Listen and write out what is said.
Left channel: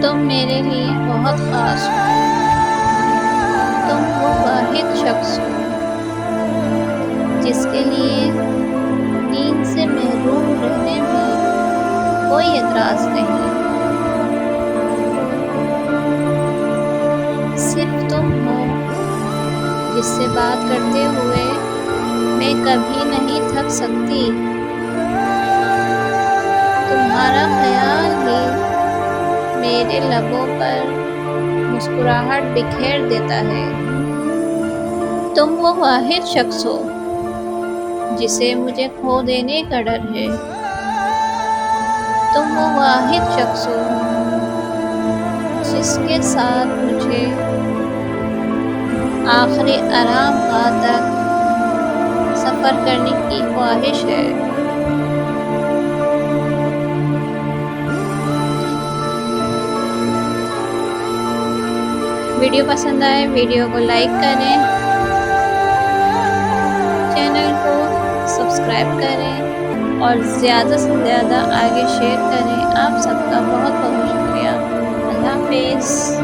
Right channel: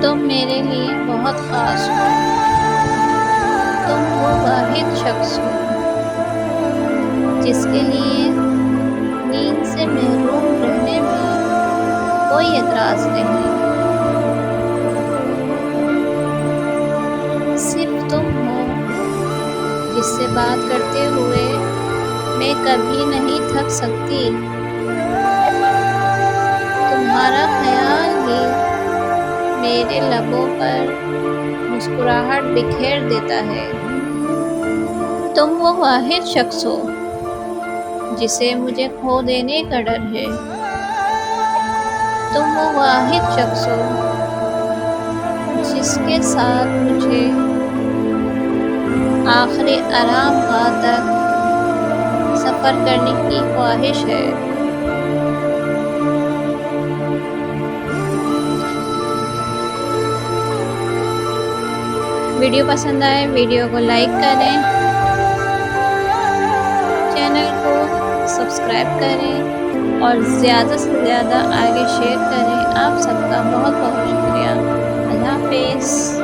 تم میرے لیے بہت خاص ہو۔ تم وہ واحد شخص ہو جس کے لیے نیند سے محروم رہنے میں کوئی اعتراض نہیں۔ صرف تم ہو جس سے بات کرتے ہوئے میں کبھی نہیں تھک سکتی۔ تمہارا خیال ہی میرے لبوں پر مسکراہٹ بکھیر دیتا ہے۔ تم وہ واحد شخص ہو جسے مجھے کھو دینے کا ڈر ہے۔ تم وہ واحد شخص ہو جس کے ساتھ مجھے آخری آرام گاہ تک سفر کرنے کی خواہش ہے۔ ویڈیو پسند آئے ویڈیو کو لائک کریں، چینل کو سبسکرائب کریں اور زیادہ سے زیادہ آگے شیئر کریں۔ آپ سب کا بہت بہت شکریہ۔ اللہ حافظ۔